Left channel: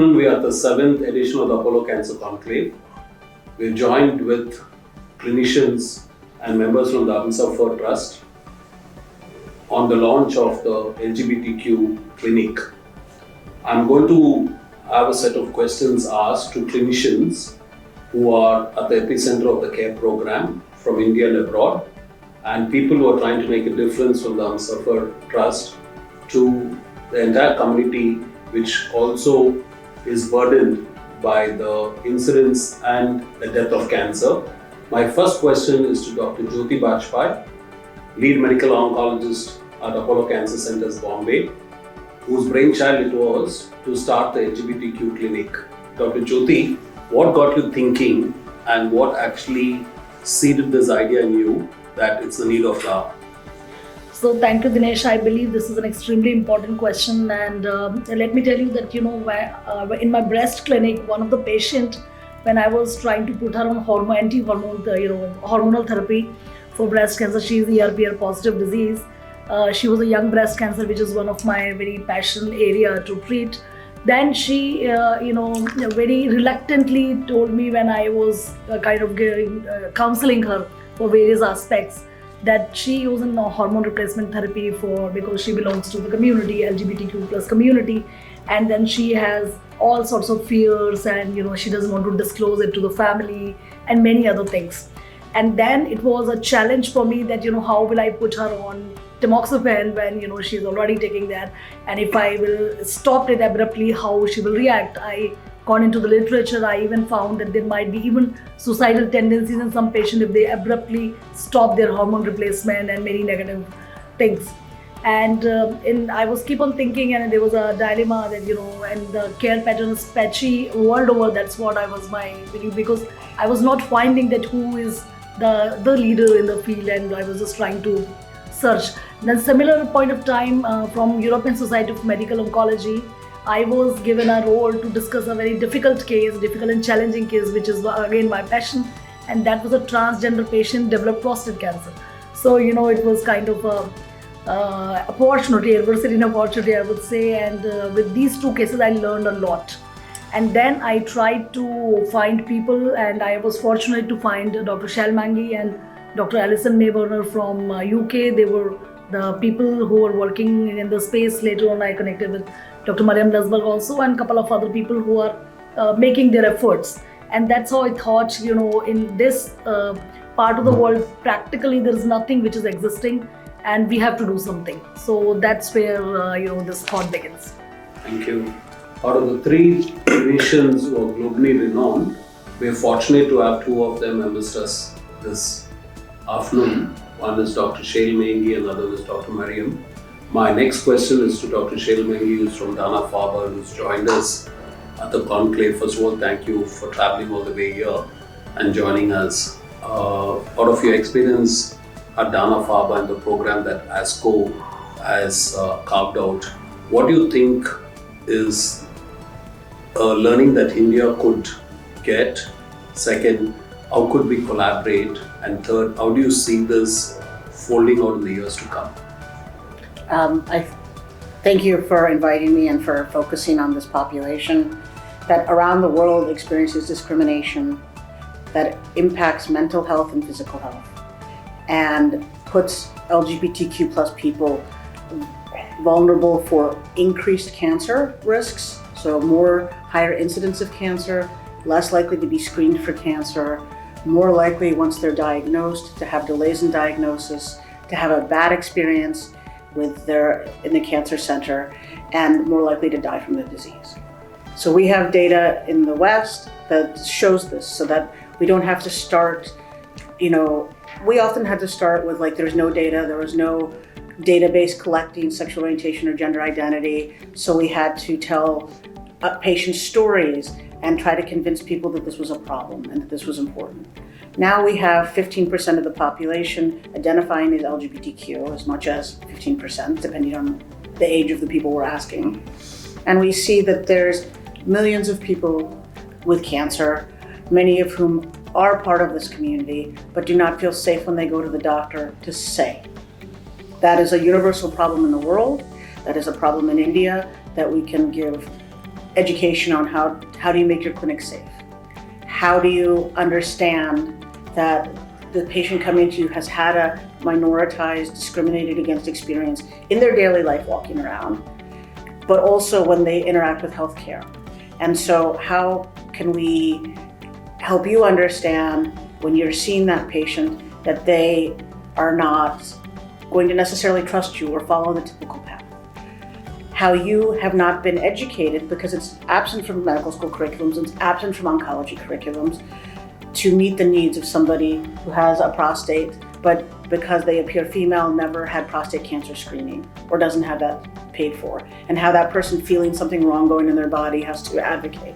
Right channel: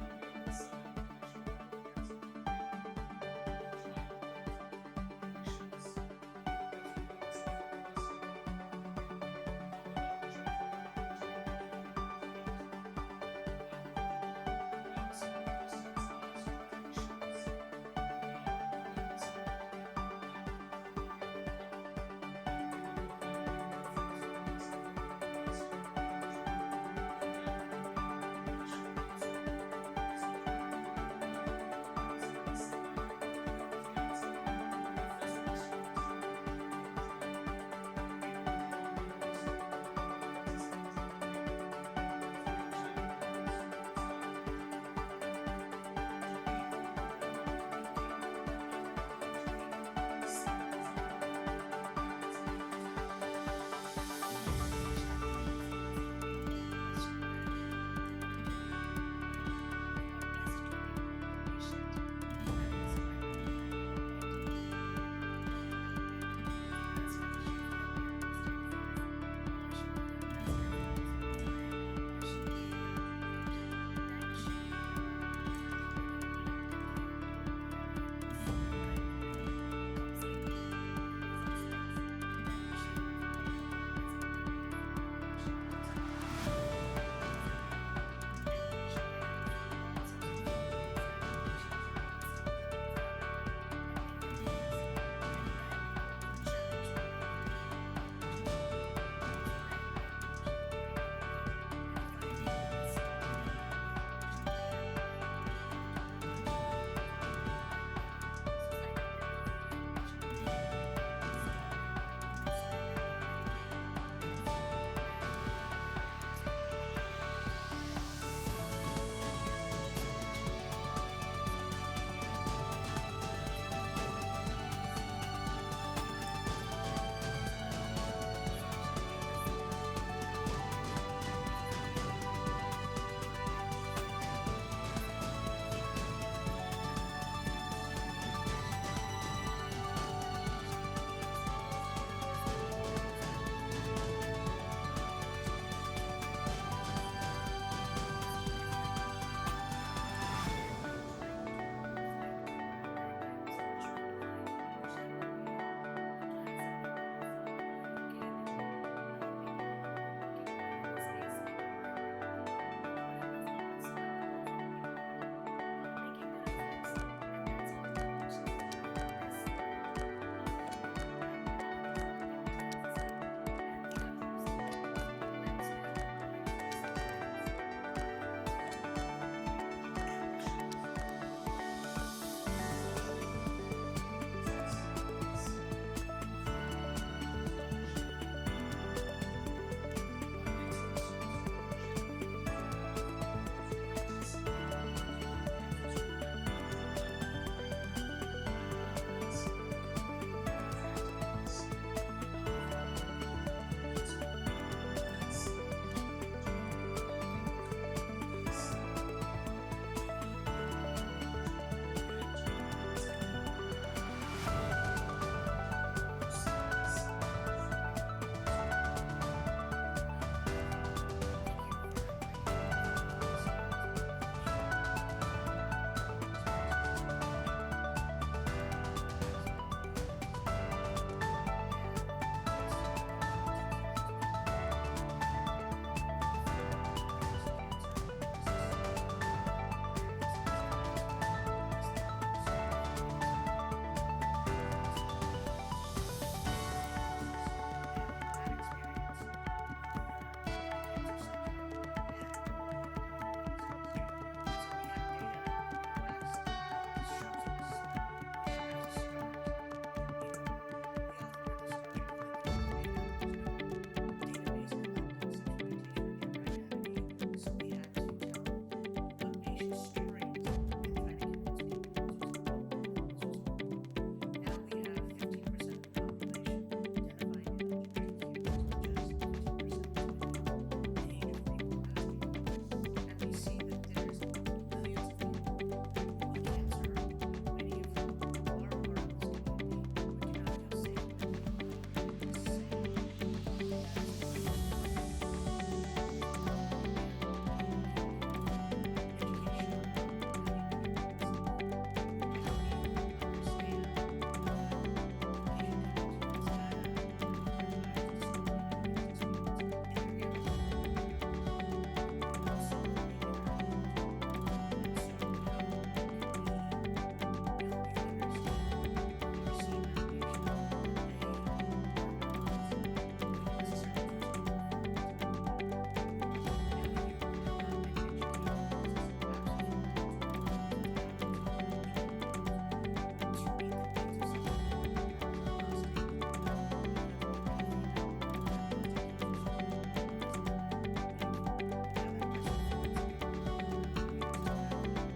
afternoon, we are at the 7th edition of the Apollo Cancer Conclave. We're joined with clinicians and members from the Amsafar Trust on the launch of the LGBTQ clinic. I'm going to have a set of questions asked to clinicians who are at the epicenter of the care program from India and abroad, and people who are trying to make a difference from the Amsafar Trust to the entire community, which also is burdened by the incidence and the death of cancer. My first question is to Dr. Jyoti Bajpai, lead medical oncologist at Apollo Cancer Centers, Bombay, whose brainchild it was to start the LGBTQ clinic. Dr. Jyoti, what got you thinking and what actually seeded this idea in you that it's the need of now? So thank you, Dinesh. I believe this is an extremely important question, and let me tell you that in my breast clinic, one of the patient, when I was trying to put her on hormonal therapy for breast cancer, she is ER positive disease. She was a young breast cancer, which is one of my very passion area to treat. Then she, very reluctantly told me when I was counseling her for various aspects, that she using hormone replacement therapy because she belongs to the community, LGBTQ plus community, and then she has all sorts of fears, and she doesn't want to disclose it to the family and many other things. And then it was a challenge for me that how will I put her on tamoxifen when she's already taking that, and if I will stop it abruptly, how she will react. I gone into the literature. I even found that there might be even suicidal tendencies in some patients if they abruptly stop their hormone replacement, and many negative things. And I was keep on thinking, and there was a dilemma that and the care pattern is patchy world over. That's what I was my belief, because I was not finding that who is the leader in the field, and I was just trying to search. Then similar point of time from European Society of Medical Oncology, I was given a role to discuss a very difficult and challenging case, which is again my passion, and that was a transgender patient developed prostate cancer. So it was kind of a adversity and opportunity, I would say, and with these two cases I learned a lot. And then I tried to find people, and I was fortunate to find Dr. Shalmangi and Dr. Alison Mayburner from UK. They were the people who were working in the space. Later on I connected with Dr. Mariam Lasberg also, and a couple of other people who are making their efforts. And that's how I thought, in this part of the world, practically there is nothing which is existing, and we have to do something. So that's where this thought begins. Thank you. Out of the three clinicians who are globally renowned, we are fortunate to have two of them amongst us this afternoon. One is Dr. Shail Mengi and the other is Dr. Mariam. My next question is to Dr. Shail Mengi, who's from Dana-Farber, who's joined us at the conclave. First of all, thank you for traveling all the way here and joining us. Out of your experience at Dana-Farber and the program that ASCO has carved out, what do you think is a learning that India could get? Second, how could we collaborate? And third, how do you see this folding out in the years to come? I thank you for inviting me and for focusing on this population that around the world experiences discrimination that impacts mental health and physical health, and puts LGBTQ plus people vulnerable for increased cancer risks, so more higher incidence of cancer, less likely to be screened for cancer, more likely once they're diagnosed to have delays in diagnosis, to have a bad experience in the cancer center, and more likely to die from the disease. So we have data in the West that shows this, so that we don't have to start, we often had to start with there's no data, there was no database collecting sexual orientation or gender identity, so we had to tell patient stories and try to convince people that this was a problem and that this was important. Now we have 15% of the population identifying as LGBTQ, as much as 15%, depending on the age of the people we're asking. And we see that there's millions of people with cancer, many of whom are part of this community, but do not feel safe when they go to the doctor to say. That is a universal problem in the world. That is a problem in India that we can give education on how do you make your clinic safe? How do you understand that the patient coming to you has had a minoritized, discriminated against experience in their daily life walking around, but also when they interact with healthcare? And so how can we help you understand when you're seeing that patient that they are not going to necessarily trust you or follow the typical path? How you have not been educated, because it's absent from medical school curriculums, it's absent from oncology curriculums, to meet the needs of somebody who has a prostate, but because they appear female, never had prostate cancer screening or doesn't have that paid for, and how that person feeling something wrong going in their body has to advocate.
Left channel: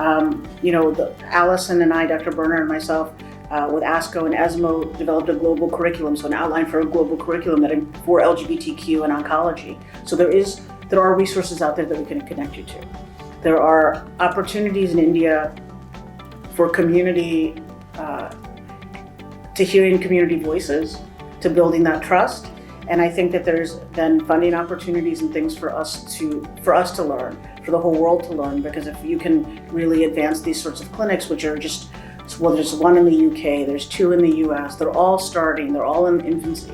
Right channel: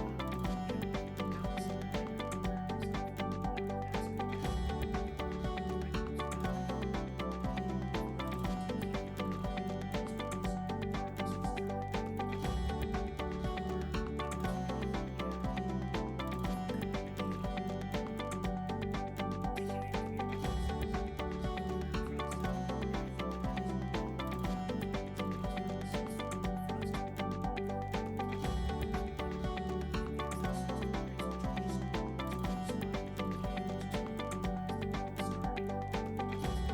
Allison and I, Dr. Berner and myself, with ASCO and ESMO, developed a global curriculum, so an outline for a global curriculum for LGBTQ and oncology. So there are resources out there that we can connect you to. There are opportunities in India for community, to hearing community voices, to building that trust. And I think that there's then funding opportunities and things for us to learn, for the whole world to learn, because if you can really advance these sorts of clinics, which are just, well, there's one in the UK, there's 2 in the US, they're all starting, they're all in infancy.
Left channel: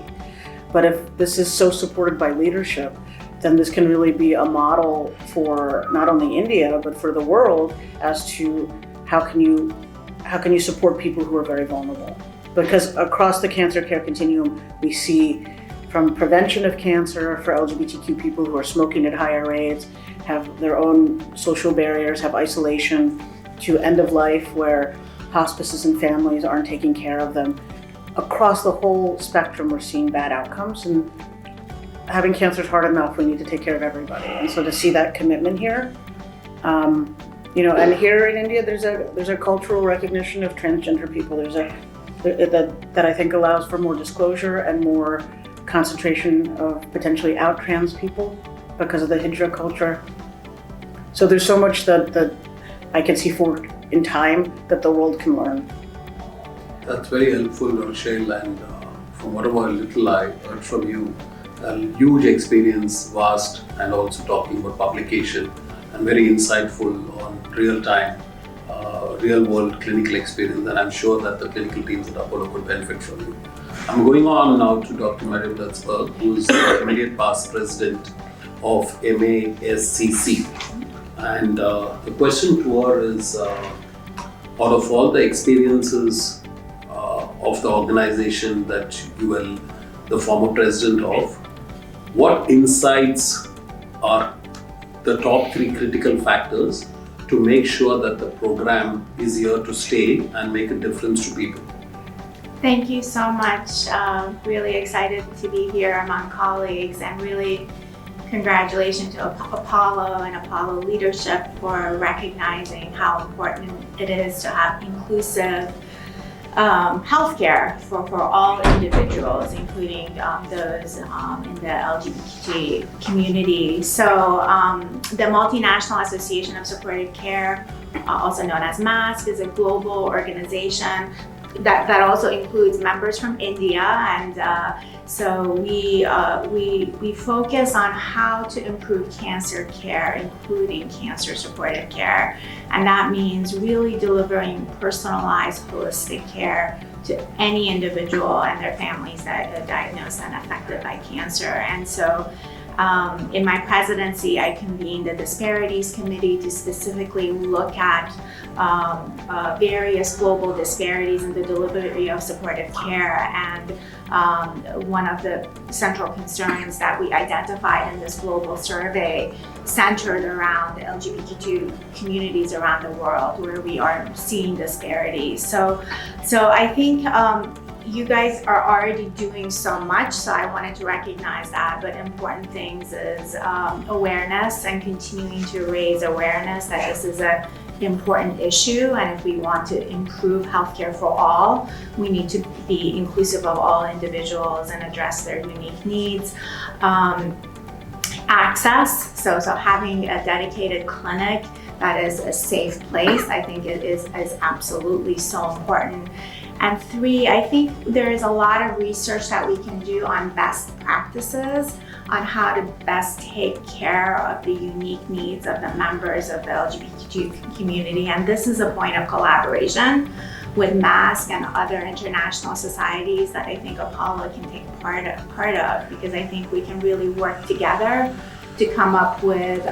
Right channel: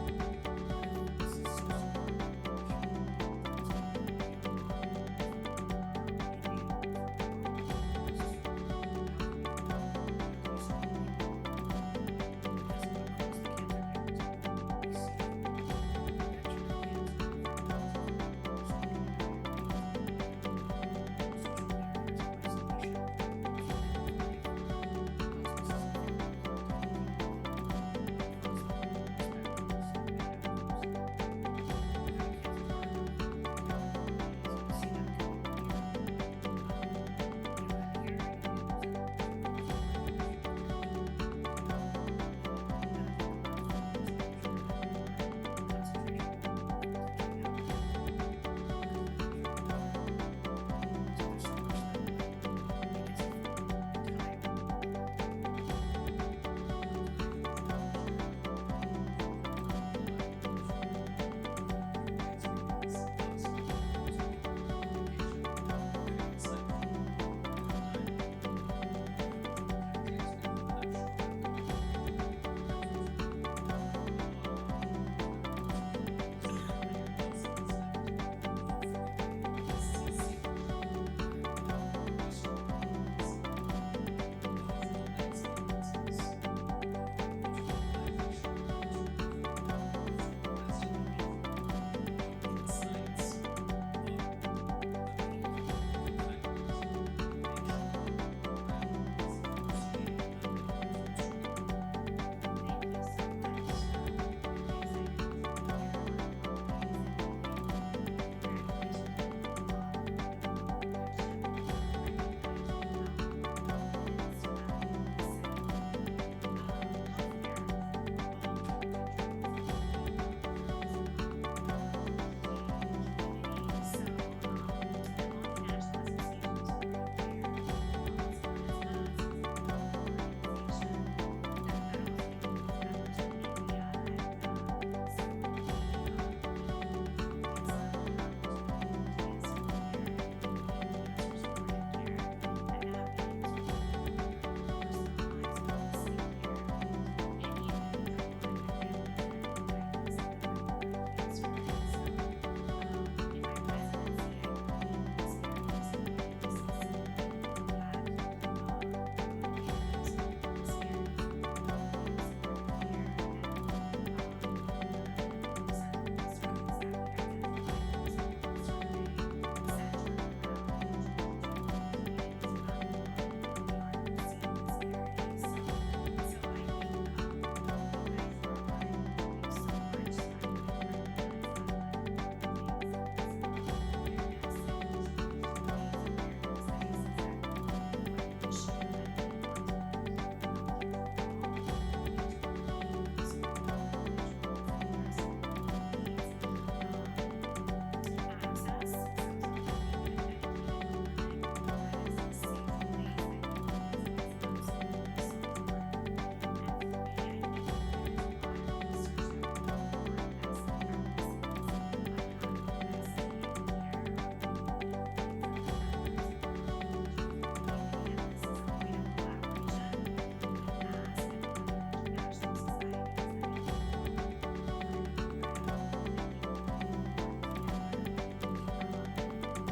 But if this is so supported by leadership, then this can really be a model for not only India, but for the world as to how can you support people who are very vulnerable. Because across the cancer care continuum, we see from prevention of cancer for LGBTQ people who are smoking at higher rates, have their own social barriers, have isolation, to end of life where hospices and families aren't taking care of them. Across the whole spectrum, we're seeing bad outcomes, and having cancer is hard enough. We need to take care of everybody. And so to see that commitment here, and here in India, there's a cultural recognition of transgender people. That I think allows for more disclosure and more concentration of potentially out trans people because of the hijra culture. So there's so much that I can see forward in time that the world can learn. That's very helpful, Rochelle, and from whatever little I heard from you, a huge experience, vast, and also talking about publication, and very insightful on real-time, real-world clinical experience, and I'm sure that the clinical teams at Apollo could benefit from you. I'm going on now to Dr. Mariam Datsberg, who's the immediate past president of MASCC. And the question to her is, out of all the experiences of the organization that you were the former president of, what insights are the top 3 critical factors to make sure that the program is here to stay and make a difference to people? Thank you so much. Really excited to be here among colleagues, and really congratulations to Apollo and Apollo leadership for recognizing how important it is to have inclusive healthcare for all individuals, including those in the LGBT community. So the Multinational Association of Supportive Care, also known as MASC, is a global organization that also includes members from India, and so we focus on how to improve cancer care, including cancer supportive care, and that means really delivering personalized, holistic care to any individual and their families that are diagnosed and affected by cancer. And so in my presidency, I convened the Disparities Committee to specifically look at various global disparities in the delivery of supportive care. And one of the central concerns that we identified in this global survey centered around the LGBTQ communities around the world, where we are seeing disparities. So I think you guys are already doing so much, so I wanted to recognize that. But important things is awareness, and continuing to raise awareness that this is an important issue, and if we want to improve healthcare for all, we need to be inclusive of all individuals and address their unique needs. Access, so having a dedicated clinic that is a safe place, I think it is absolutely so important. And three, I think there is a lot of research that we can do on best practices on how to best take care of the unique needs of the members of the LGBTQ community. And this is a point of collaboration with MASC and other international societies that I think Apollo can take part of, because I think we can really work together to come up with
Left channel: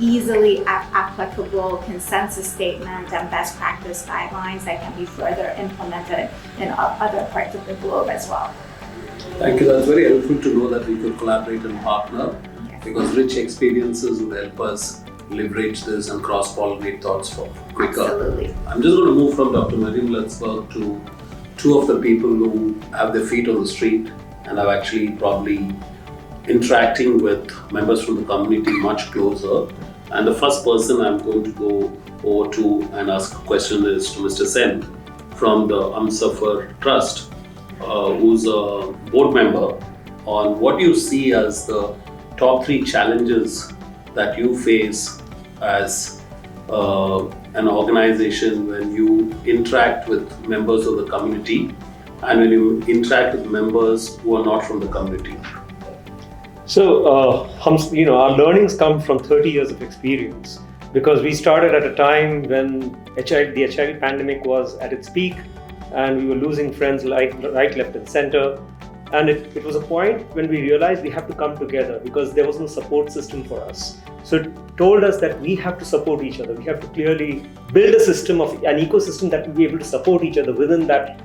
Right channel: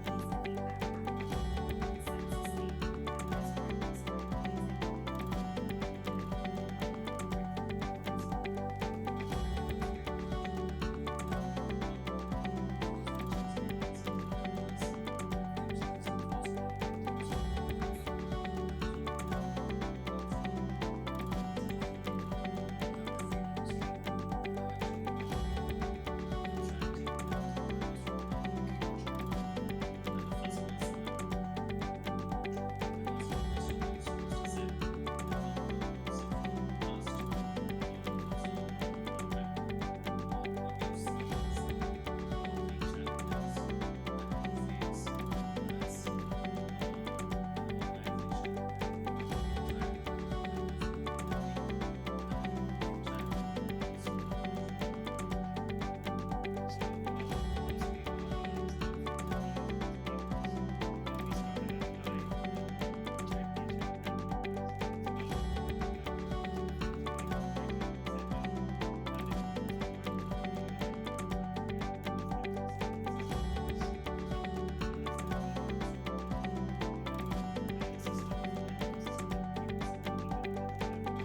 easily applicable consensus statements and best practice guidelines that can be further implemented in other parts of the globe as well. Thank you. That's very helpful to know that we could collaborate and partner, because rich experiences will help us leverage this and cross-pollinate thoughts for quicker. Absolutely. I'm just going to move from Dr. Mariam Letzberg to two of the people who have their feet on the street and have actually probably interacting with members from the community much closer. And the first person I'm going to go over to and ask a question is to Mr. Sen from the Humsafar Trust, who's a board member, on what you see as the top 3 challenges that you face as an organization when you interact with members of the community and when you interact with members who are not from the community. So, our learnings come from 30 years of experience, because we started at a time when the HIV pandemic was at its peak, and we were losing friends right, left, and center. And it was a point when we realized we have to come together, because there was no support system for us. So it told us that we have to support each other. We have to clearly build a system of an ecosystem that will be able to support each other within that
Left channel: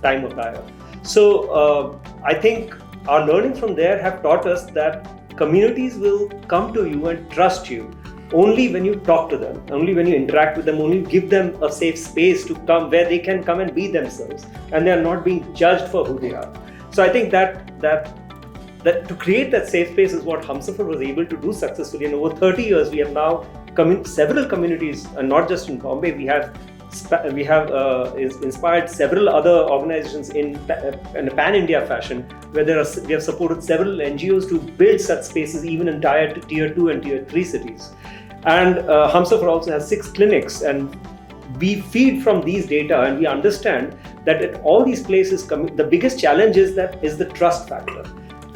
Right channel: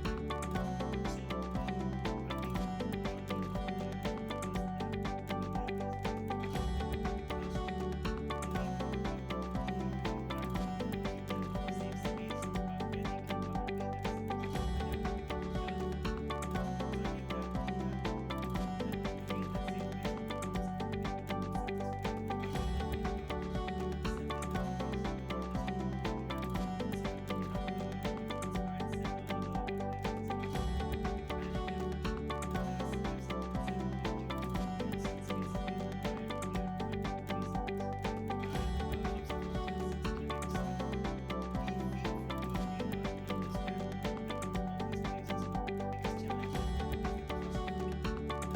time of dire. So I think our learnings from there have taught us that communities will come to you and trust you only when you talk to them, only when you interact with them, only give them a safe space to come where they can come and be themselves, and they are not being judged for who they are. So I think that to create that safe space is what Humsafar was able to do successfully. And over 30 years, we have now several communities, and not just in Bombay. We have inspired several other organizations in a pan-India fashion, where we have supported several NGOs to build such spaces even in tier 2 and tier 3 cities. And Humsafar also has 6 clinics, and we feed from these data, and we understand that at all these places, the biggest challenge is the trust factor.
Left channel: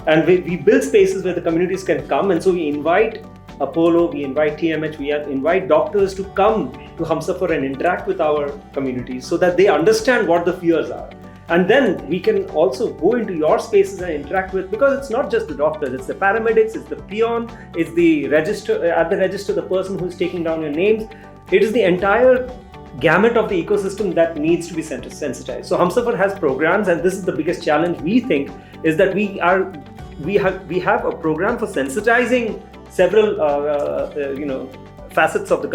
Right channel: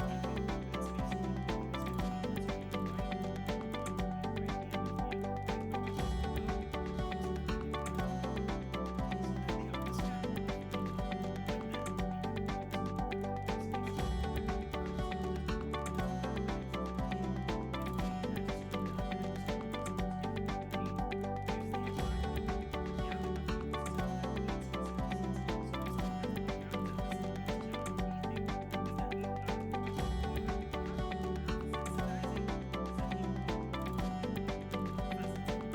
And we build spaces where the communities can come, and so we invite Apollo, we invite TMH, we invite doctors to come to Humsafar and interact with our communities so that they understand what the fears are. And then we can also go into your spaces and interact with, because it's not just the doctors, it's the paramedics, it's the peon, it's the register, the person who's taking down your names. It is the entire gamut of the ecosystem that needs to be sensitized. So Humsafar has programs, and this is the biggest challenge we think, is that we have a program for sensitizing several facets of the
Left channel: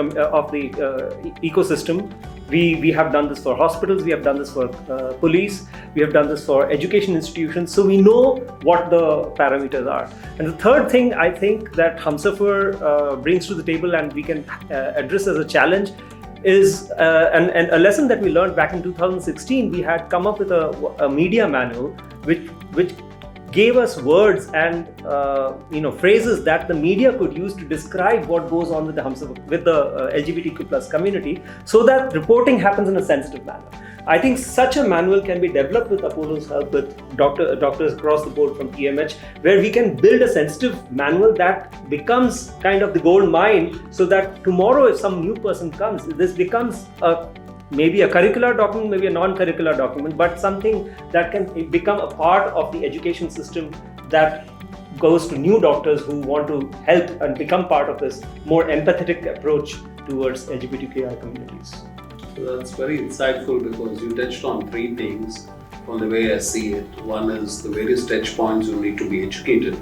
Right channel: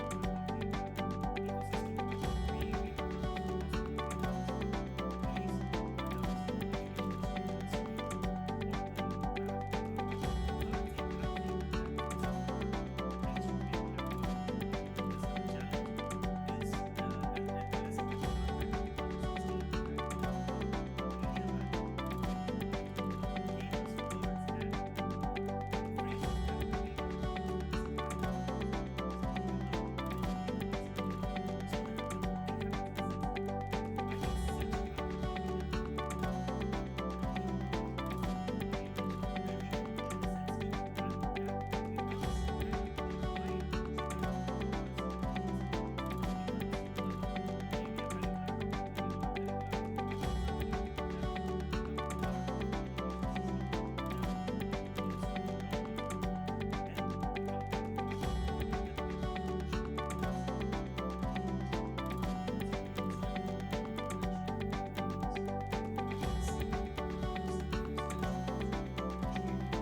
ecosystem. We have done this for hospitals, we have done this for police, we have done this for education institutions, so we know what the parameters are. And the third thing I think that Humsafar brings to the table and we can address as a challenge is, and a lesson that we learned back in 2016, we had come up with a media manual which gave us words and phrases that the media could use to describe what goes on with the LGBTQ plus community, so that reporting happens in a sensitive manner. I think such a manual can be developed with Apollo's help, with doctors across the board from TMH, where we can build a sensitive manual that becomes kind of the gold mine, so that tomorrow if some new person comes, this becomes maybe a curricular document, maybe a non-curricular document, but something that can become a part of the education system that goes to new doctors who want to help and become part of this more empathetic approach towards LGBTQI communities. So that's very insightful, because you touched on 3 things from the way I see it. One is the various touch points you need to be educated.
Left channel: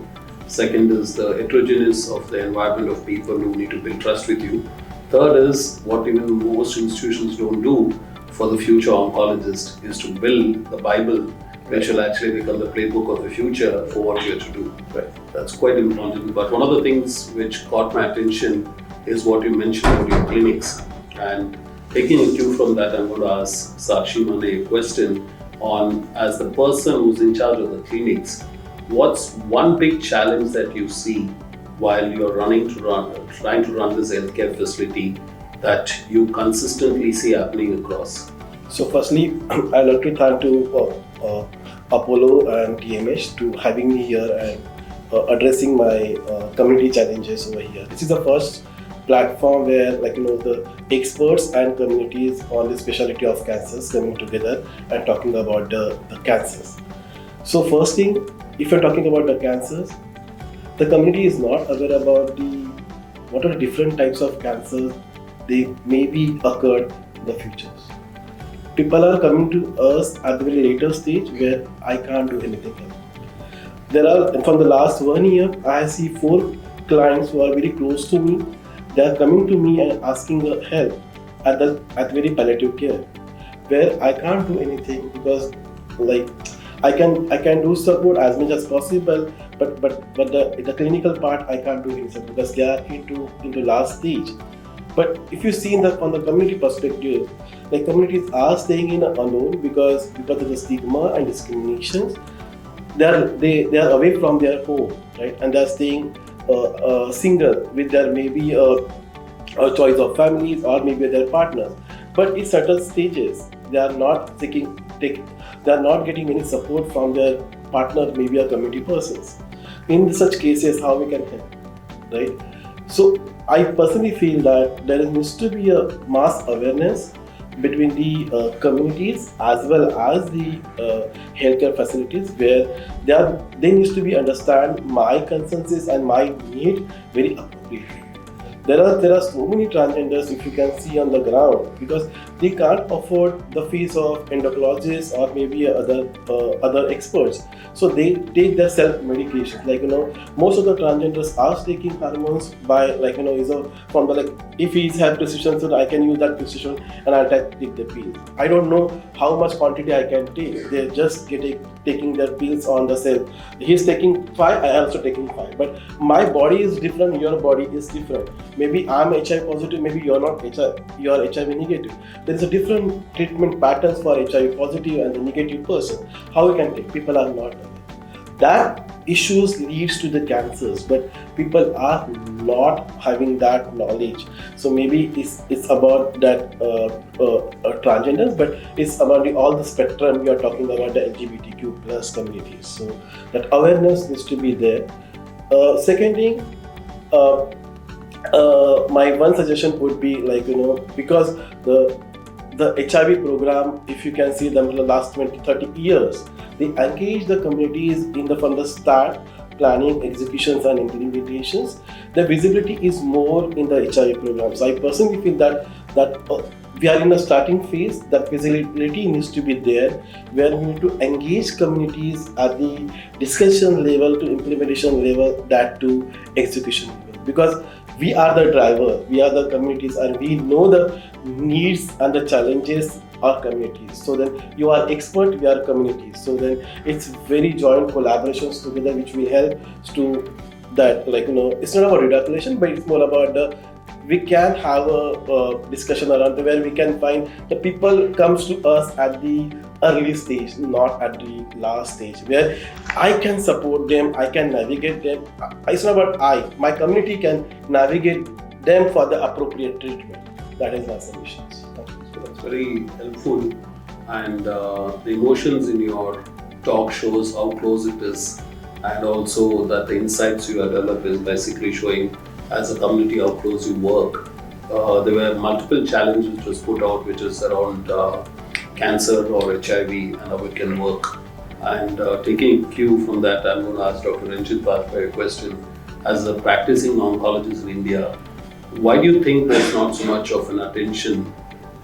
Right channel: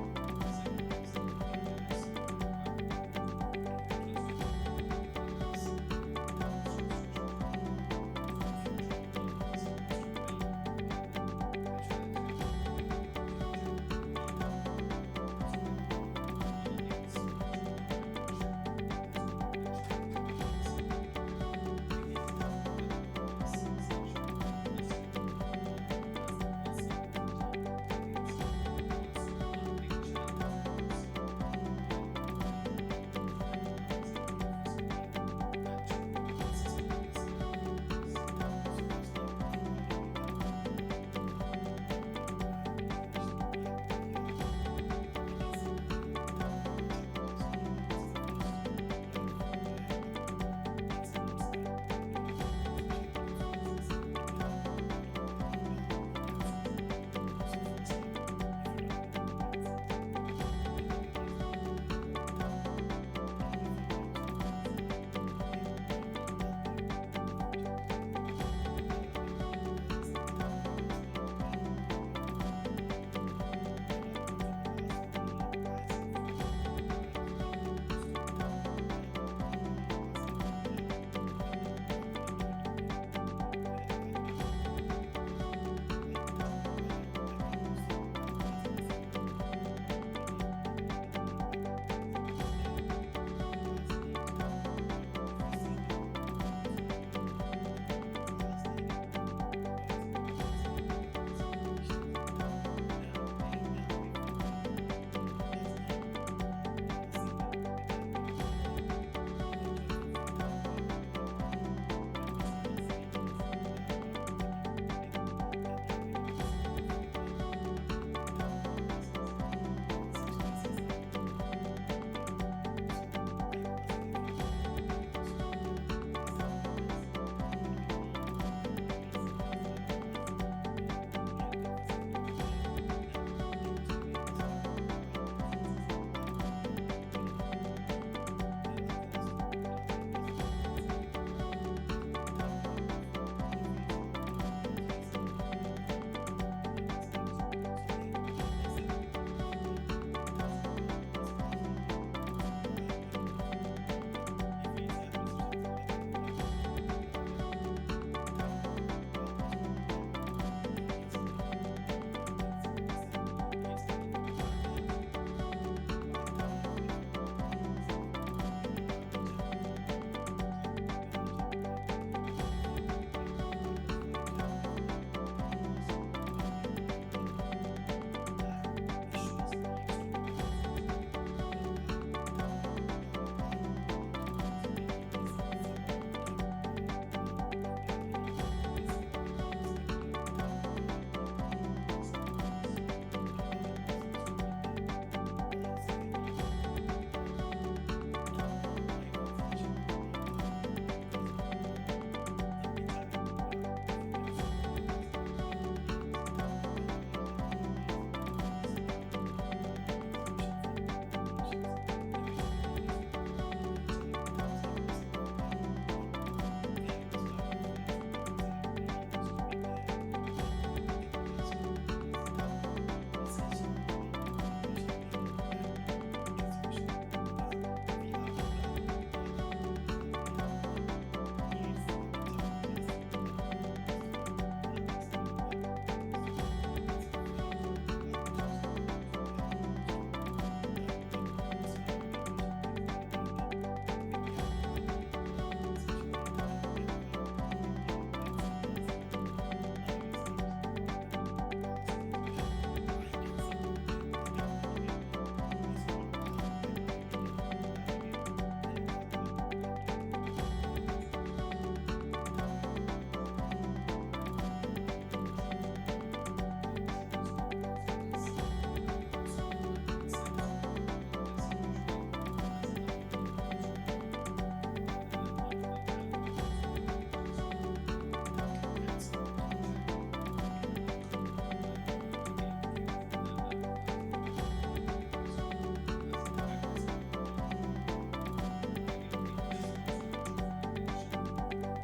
Second is the heterogeneous of the environment of people who need to build trust with you. Third is what even most institutions don't do for the future oncologist, is to build the Bible, which will actually become the playbook of the future for what we are to do. Right. That's quite important. But one of the things which caught my attention is what you mentioned about your clinics. And taking a cue from that, I'm going to ask Sakshi Mane a question on, as the person who's in charge of the clinics, what's one big challenge that you see while you're trying to run this healthcare facility that you consistently see happening across? So firstly, I'd like to thank to Apollo and TMH to having me here and addressing my community challenges over here. This is the first platform where the experts and communities on the specialty of cancers coming together and talking about the cancers. So first thing, if you're talking about the cancers, the community is not aware about what are the different types of cancers they may be occurred in the future. People are coming to us at the very later stage where I can't do anything else. From the last 1 year, I see 4 clients who are very close to me. They are coming to me and asking help at very palliative care, where I can't do anything because I can do support as much as possible, but the clinical part I can't do anything because they are into last stage. But if you see on the community perspective, communities are staying in alone because of the stigma and discriminations. They are away from their home, right? And they are staying single with their maybe a choice of families or maybe their partners. But in certain stages, they are not getting any support from their partner, maybe a community persons. In such cases, how we can help, right? So I personally feel that there needs to be a mass awareness between the communities as well as the healthcare facilities, where they need to be understand my concerns and my need very appropriately. There are so many transgenders, if you can see on the ground, because they can't afford the fees of endocrinologists or maybe other experts. So they take their self-medication. Most of the transgenders are taking hormones by from the if he's had precision, so I can use that precision and I'll take the pill. I don't know how much quantity I can take. They're just taking their pills on the self. He's taking 5, I am also taking 5. But my body is different, your body is different. Maybe I'm HIV positive, maybe you're not you are HIV negative. There is a different treatment patterns for HIV positive and the negative person. How we can take? People are not. That issues leads to the cancers, but people are not having that knowledge. So maybe it's about that transgenders, but it's about all the spectrum. We are talking about the LGBTQ plus communities. So that awareness needs to be there. Second thing, my one suggestion would be because the HIV program, if you can see them in the last 20-30 years, they engage the communities from the start, planning, executions and implementations. The visibility is more in the HIV program. So I personally feel that we are in the starting phase. That visibility needs to be there, where we need to engage communities at the discussion level to implementation level, that to execution level. Because we are the driver, we are the communities, and we know the needs and the challenges of communities. So then you are expert, we are communities. So then it's very joint collaborations together which will help to that it's not about reduction, but it's more about we can have a discussion around where we can find the people comes to us at the early stage, not at the last stage, where I can support them, I can navigate them. It's not about my community can navigate them for the appropriate treatment. That is my solution. That's very helpful, and the emotions in your talk shows how close it is, and also that the insights you have developed is basically showing as a community how close you work. There were multiple challenges which was put out, which is around cancer or HIV and how it can work. And taking cue from that, I'm going to ask Dr. Ranjit Bhattacharya a question. As a practicing oncologist in India, why do you think there's not so much of an attention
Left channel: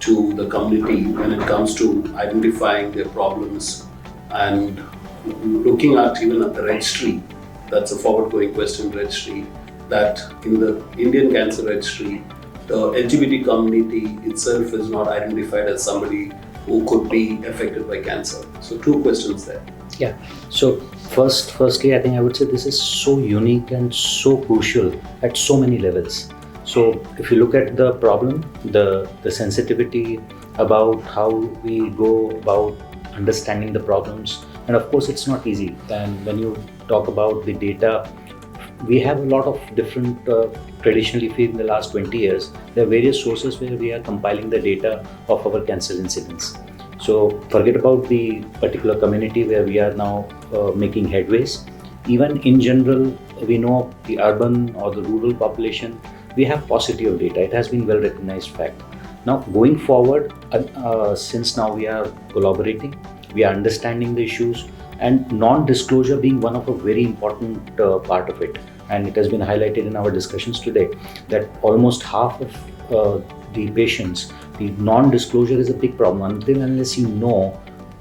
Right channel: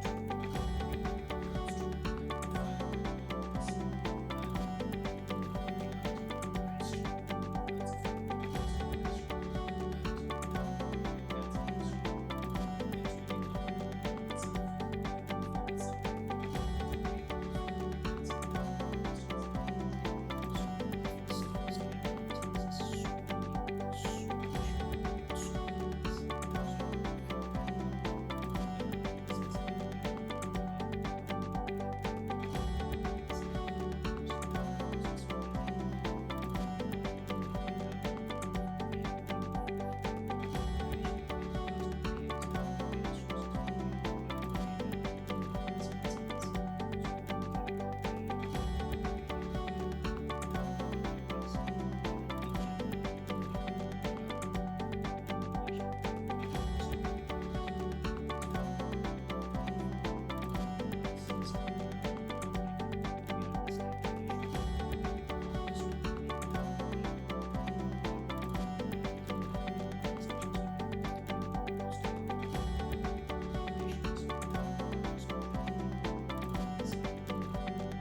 to the community when it comes to identifying their problems and looking at even at the registry? That's a forward-going question, registry, that in the Indian Cancer Registry, the LGBT community itself is not identified as somebody who could be affected by cancer. So 2 questions there. Yeah. So firstly, I think I would say this is so unique and so crucial at so many levels. So if you look at the problem, the sensitivity about how we go about understanding the problems, and of course it's not easy. And when you talk about the data, we have a lot of different, traditionally in the last 20 years, there are various sources where we are compiling the data of our cancer incidence. So forget about the particular community where we are now making headways. Even in general, we know the urban or the rural population, we have paucity of data. It has been well recognized fact. Now going forward, since now we are collaborating, we are understanding the issues, and non-disclosure being one of a very important part of it. And it has been highlighted in our discussions today that almost half of the patients, the non-disclosure is a big problem. Until unless you know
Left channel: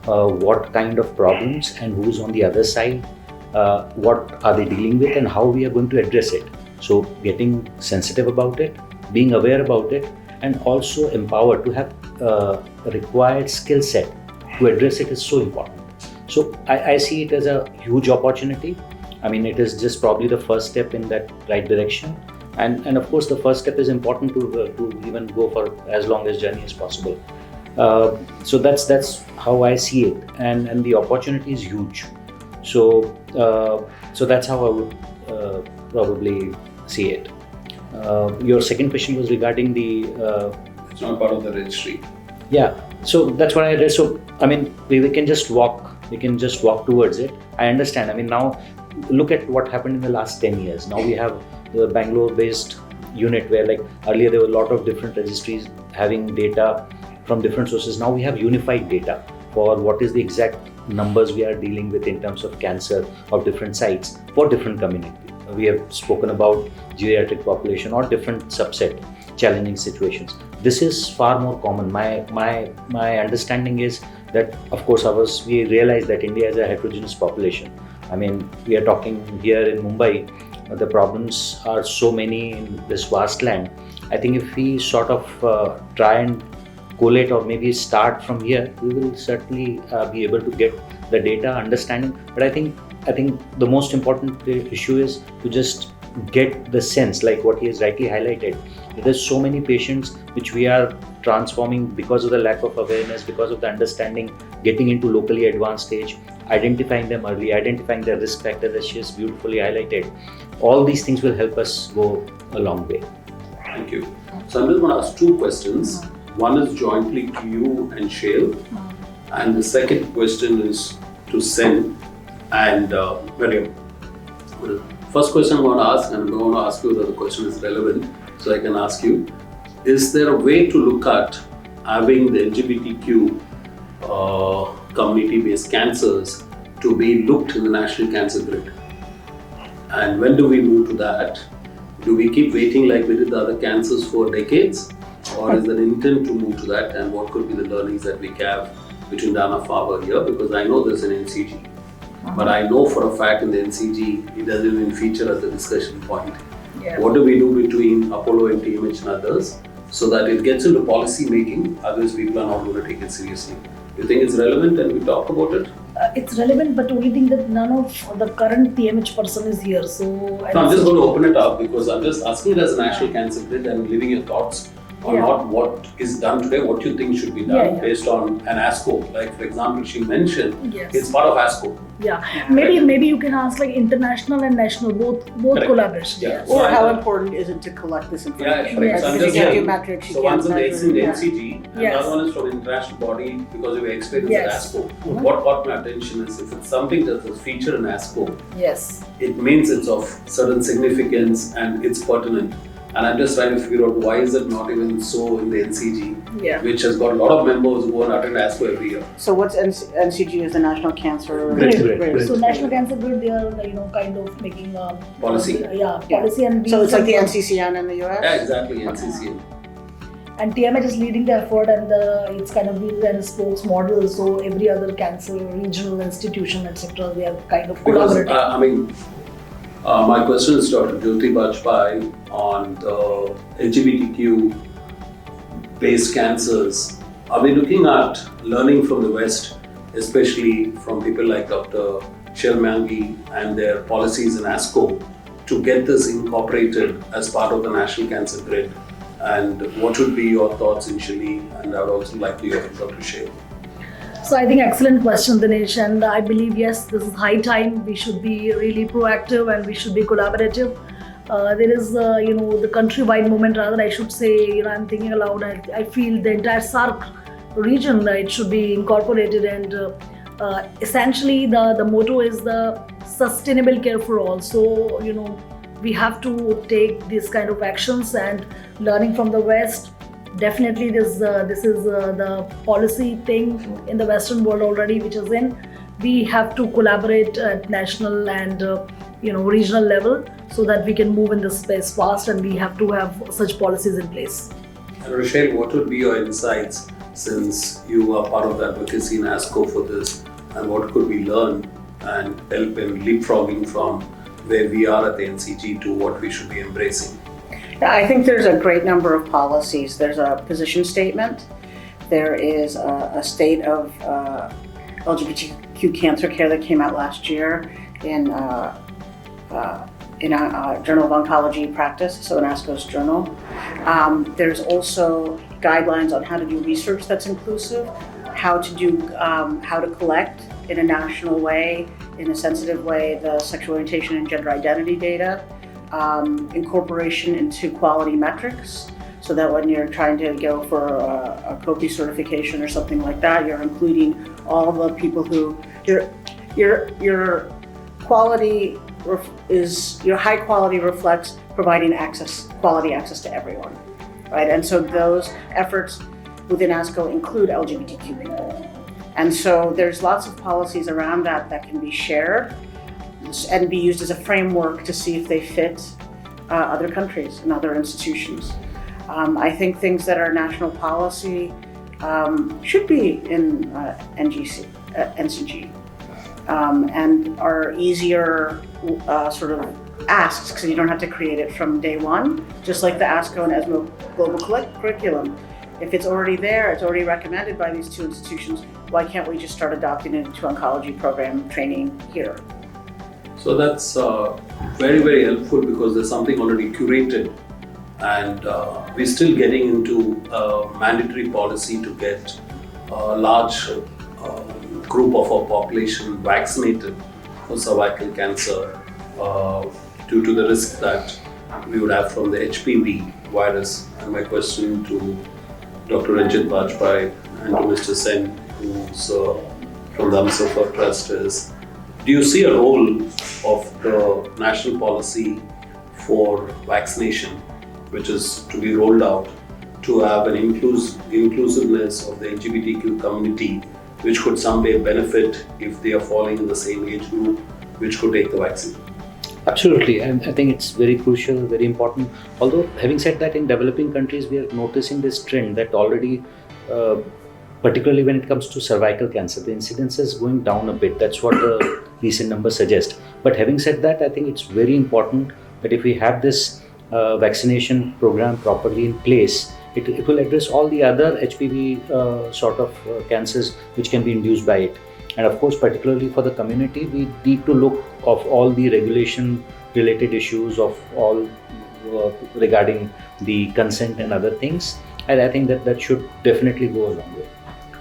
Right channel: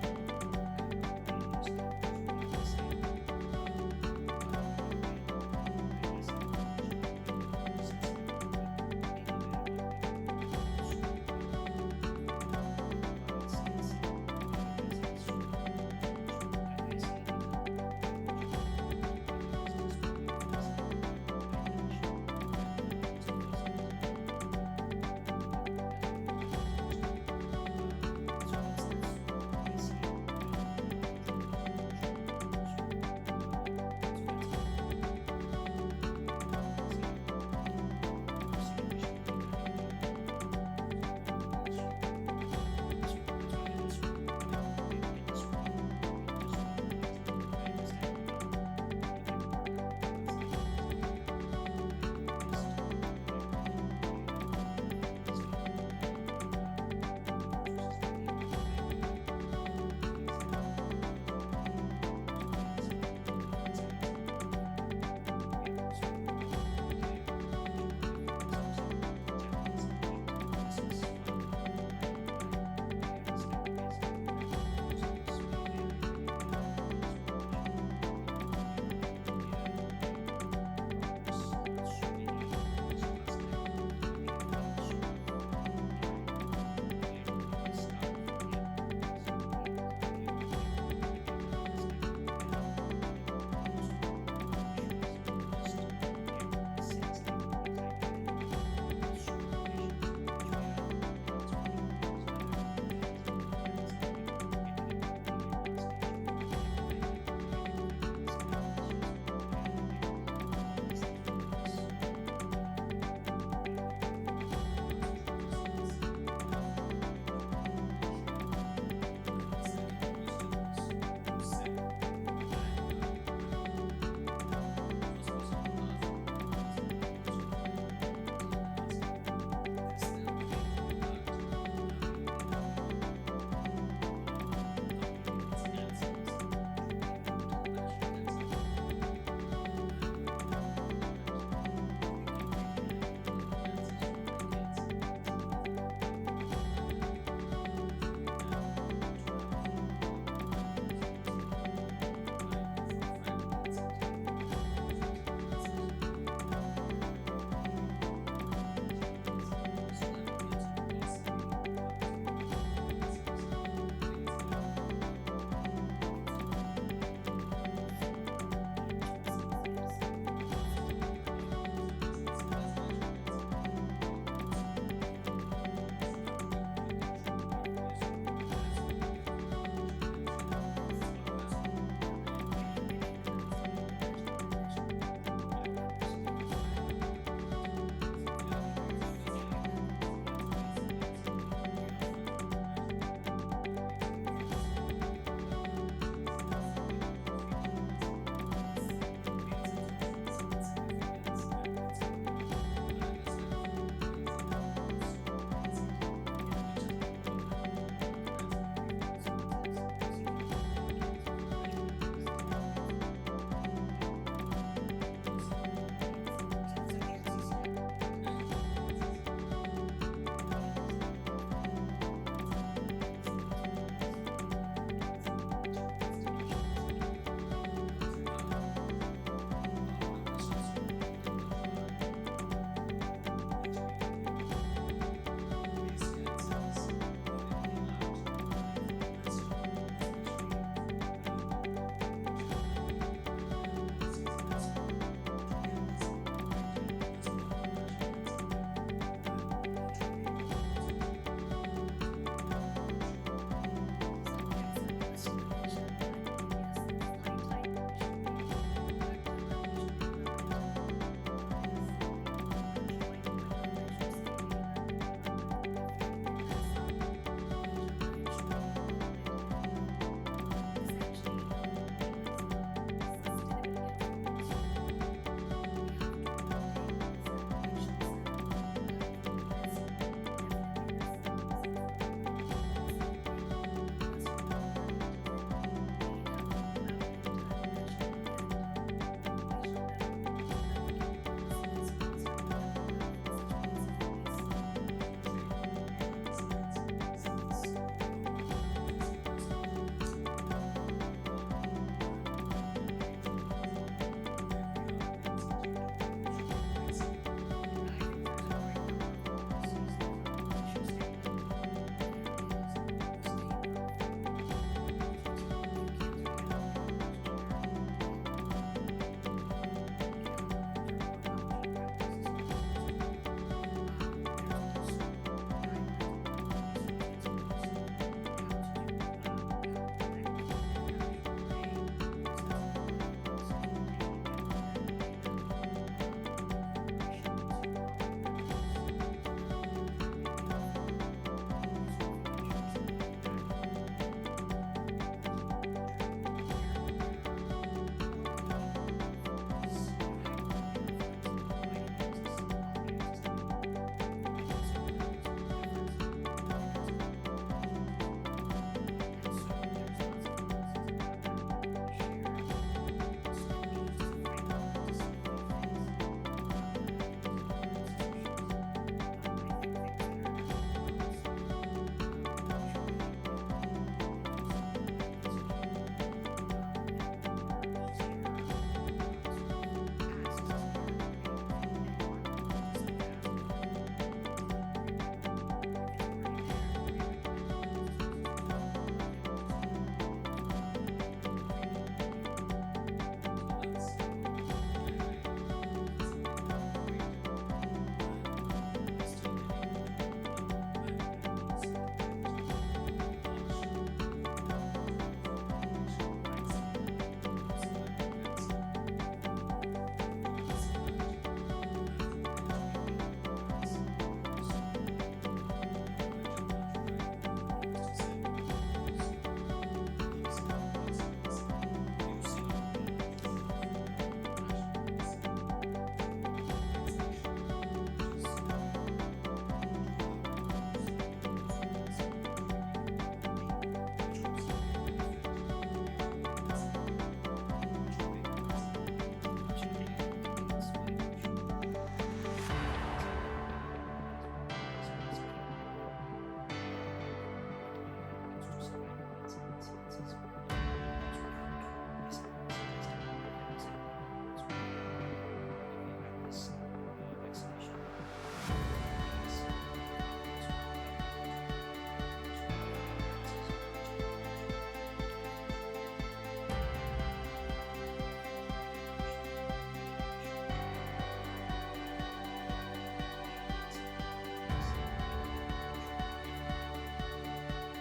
what kind of problems and who's on the other side, what are they dealing with and how we are going to address it. So getting sensitive about it, being aware about it, and also empowered to have a required skill set to address it is so important. So I see it as a huge opportunity. I mean, it is just probably the first step in that right direction. And of course, the first step is important to even go for as long as journey as possible. So that's how I see it, and the opportunity is huge. So that's how I would probably see it. Your second question was regarding the. It's not part of the registry. Yeah. So that's what I read. So I mean, we can just walk. We can just walk towards it. I understand. I mean, now look at what happened in the last 10 years. Now we have the Bangalore-based unit where, like, earlier there were a lot of different registries having data from different sources. Now we have unified data for what is the exact numbers we are dealing with in terms of cancer of different sites for different communities. We have spoken about geriatric population or different subset challenging situations. This is far more common. My understanding is that, of course, we realize that India is a heterogeneous population. I mean, we are talking here in Mumbai, the problems are so many in this vast land. I think if we sort of try and collate or maybe start from here, we will certainly be able to get the data understanding. But I think the most important issue is to just get the sense, like what he has rightly highlighted. There's so many patients which we are transforming because of the lack of awareness, because of the understanding, getting into locally advanced stage, identifying them early, identifying their risk factors, as she has beautifully highlighted. All these things will help us go a long way. Thank you. So I'm just going to ask two questions. One is jointly to you and Shale, and the second question is to Sen and Maryam. The first question I'm going to ask, and I'm going to ask you whether the question is relevant, so I can ask you, is there a way to look at having the LGBTQ community-based cancers to be looked in the National Cancer Grid? And when do we move to that? Do we keep waiting like we did the other cancers for decades? Or is there an intent to move to that? And what could be the learnings that we have between Dana-Farber here? Because I know there's an NCG. But I know for a fact in the NCG, it doesn't even feature as a discussion point. Yeah. What do we do between Apollo and TMH and others so that it gets into policy making, otherwise people are not going to take it seriously? You think it's relevant and we talk about it? It's relevant, but only thing that none of the current TMH person is here. So I'm just going to open it up because I'm just asking it as a National Cancer Grid and leaving your thoughts on not what is done today, what you think should be done based on an ASCO. Like, for example, she mentioned it's part of ASCO. Maybe you can ask like international and national, both collaboration. Or how important is it to collect this information? Yes. Because you can't do metrics, so one's in the NCG, and the other one is from an international body because we experienced at ASCO. What caught my attention is if it's something that was featured in ASCO, it means it's of certain significance and it's pertinent. And I'm just trying to figure out why is it not even so in the NCG, which has got a lot of members who go and attend ASCO every year. So what's NCG is the National Cancer Grid. So National Cancer Grid, they are kind of making policy. Policy and so it's like the NCCN in the US? Yeah, exactly, NCCN. And TMH is leading the effort, and it's kind of being a spokes model. So every other cancer regional institution, etc., they are kind of collaborating. My question is Dr. Jyoti Bajpai on the LGBTQ based cancers. Are we looking at learning from the West, especially from people like Dr. Shelmangi and their policies in ASCO, to get this incorporated as part of the National Cancer Grid? And what would be your thoughts initially? And I would also like to hear from Dr. Shale. So I think excellent question, Dinesh, and I believe yes, this is high time. We should be really proactive and we should be collaborative. There is, the countrywide movement. Rather, I should say, I'm thinking aloud. I feel the entire SARC region, it should be incorporated. And essentially, the motto is the sustainable care for all. So, we have to take these kind of actions, and learning from the West. Definitely, this is the policy thing in the Western world already, which is in. We have to collaborate at national and regional level so that we can move in this space fast, and we have to have such policies in place. Rochelle, what would be your insights since you are part of the advocacy in ASCO for this, and what could we learn and help in leapfrogging from where we are at the NCG to what we should be embracing? Yeah, I think there's a great number of policies. There's a position statement. There is a state of LGBTQ cancer care that came out last year in a Journal of Oncology Practice, so in ASCO's journal. There's also guidelines on how to do research that's inclusive, how to collect in a national way, in a sensitive way, the sexual orientation and gender identity data, incorporation into quality metrics, so that when you're trying to go for a COPE certification or something like that, you're including all the people who your quality your high quality reflects providing quality access to everyone, right? And so those efforts within ASCO include LGBTQ people. And so there's lots of policies around that can be shared and be used as a framework to see if they fit other countries and other institutions. I think things that are national policy should be in NCG and are easier sort of asks, because you don't have to create it from day one, just like the ASCO and ESMO global curriculum. If it's already there, it's already recommended by these two institutions, why can't we just start adopting it into oncology program training here? So that's very, very helpful, because there's something already curated, and we're still getting into a mandatory policy to get a large group of our population vaccinated for cervical cancer due to the risk that we would have from the HPV virus. And my question to Dr. Ranjit Bajpai and to Mr. Sen, who's from the Amsafa Trust, is: do you see a role of the national policy for vaccination, which is to be rolled out, to have an inclusiveness of the LGBTQ community, which could someday benefit if they are falling in the same age group, which could take the vaccine? Absolutely, and I think it's very crucial, very important. Although, having said that, in developing countries, we are noticing this trend that already, particularly when it comes to cervical cancer, the incidence is going down a bit. That's what the recent numbers suggest. But having said that, I think it's very important that if we have this vaccination program properly in place, it will address all the other HPV sort of cancers which can be induced by it. And of course, particularly for the community, we need to look of all the regulation related issues of all regarding the consent and other things. And I think that should definitely go a long way.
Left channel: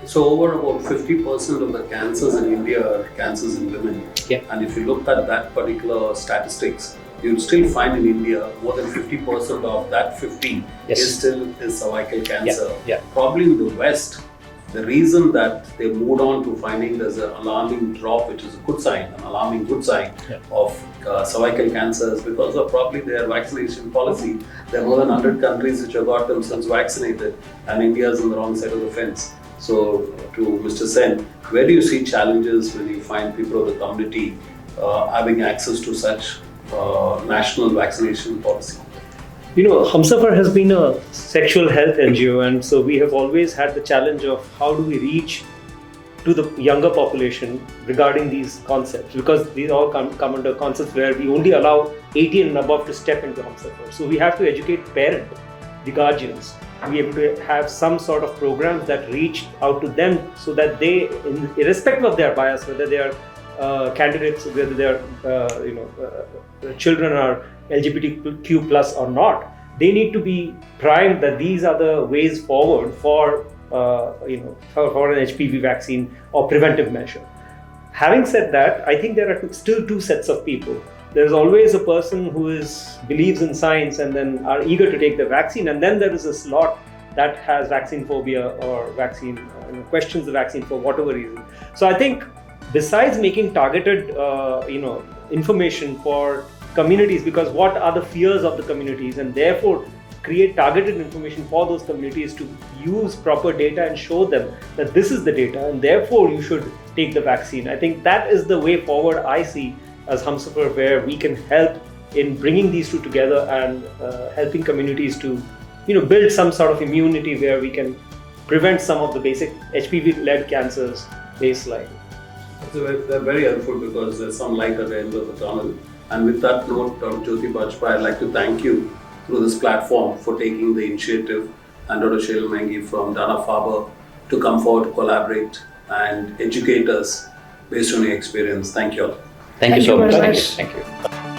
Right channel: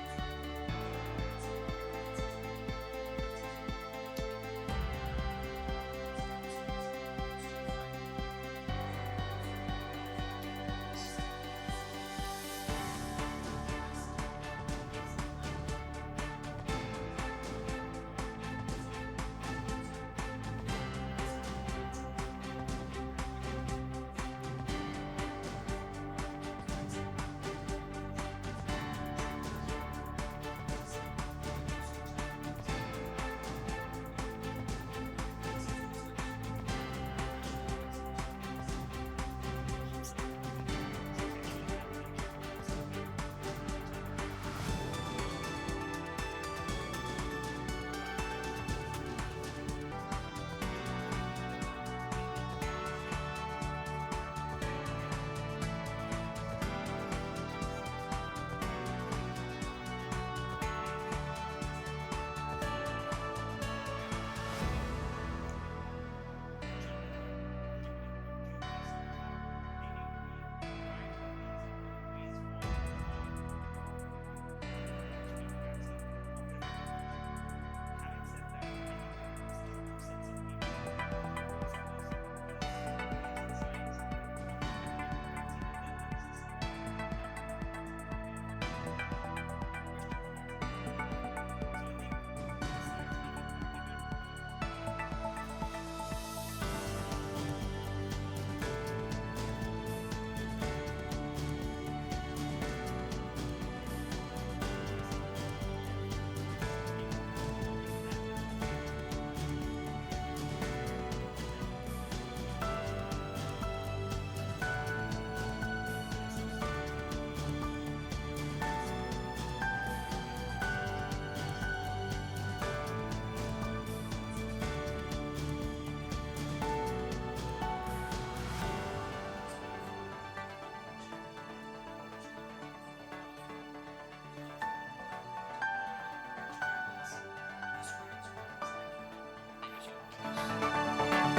So over about 50% of the cancers in India are cancers in women. Yeah. And if you look at that particular statistics, you'll still find in India more than 50% of that 50 is cervical cancer. Yeah. Probably in the West, the reason that they moved on to finding there's an alarming drop, which is a good sign, an alarming good sign of cervical cancer, is because of probably their vaccination policy. There are more than 100 countries which have got themselves vaccinated, and India is on the wrong side of the fence. So to Mr. Sen, where do you see challenges when you find people of the community having access to such national vaccination policy? Humsafar has been a sexual health NGO, and so we have always had the challenge of how do we reach to the younger population regarding these concepts, because these all come under concepts where we only allow 18 and above to step into Humsafar. So we have to educate parents, the guardians. We have to have some sort of programs that reach out to them so that they, irrespective of their bias, whether they are candidates, whether they are children are LGBTQ plus or not, they need to be primed that these are the ways forward for an HPV vaccine or preventive measure. Having said that, I think there are still two sets of people. There's always a person who believes in science and then are eager to take the vaccine, and then there is a slot that has vaccine phobia or vaccine questions the vaccine for whatever reason. So I think besides making targeted information for communities, because what are the fears of the communities, and therefore create targeted information for those communities to use proper data and show them that this is the data and therefore you should take the vaccine. I think that is the way forward I see as Humsafar, where we can help in bringing these two together and helping communities to build some sort of immunity where we can prevent some of the basic HPV-led cancers baseline. They're very helpful because there's some light at the end of the tunnel. And with that note, Jyoti Bajpai, I'd like to thank you through this platform for taking the initiative, and Dr. Sheila Mengi from Dana-Farber to come forward to collaborate and educate us based on your experience. Thank you all. Thank you so very much. much. Thank you.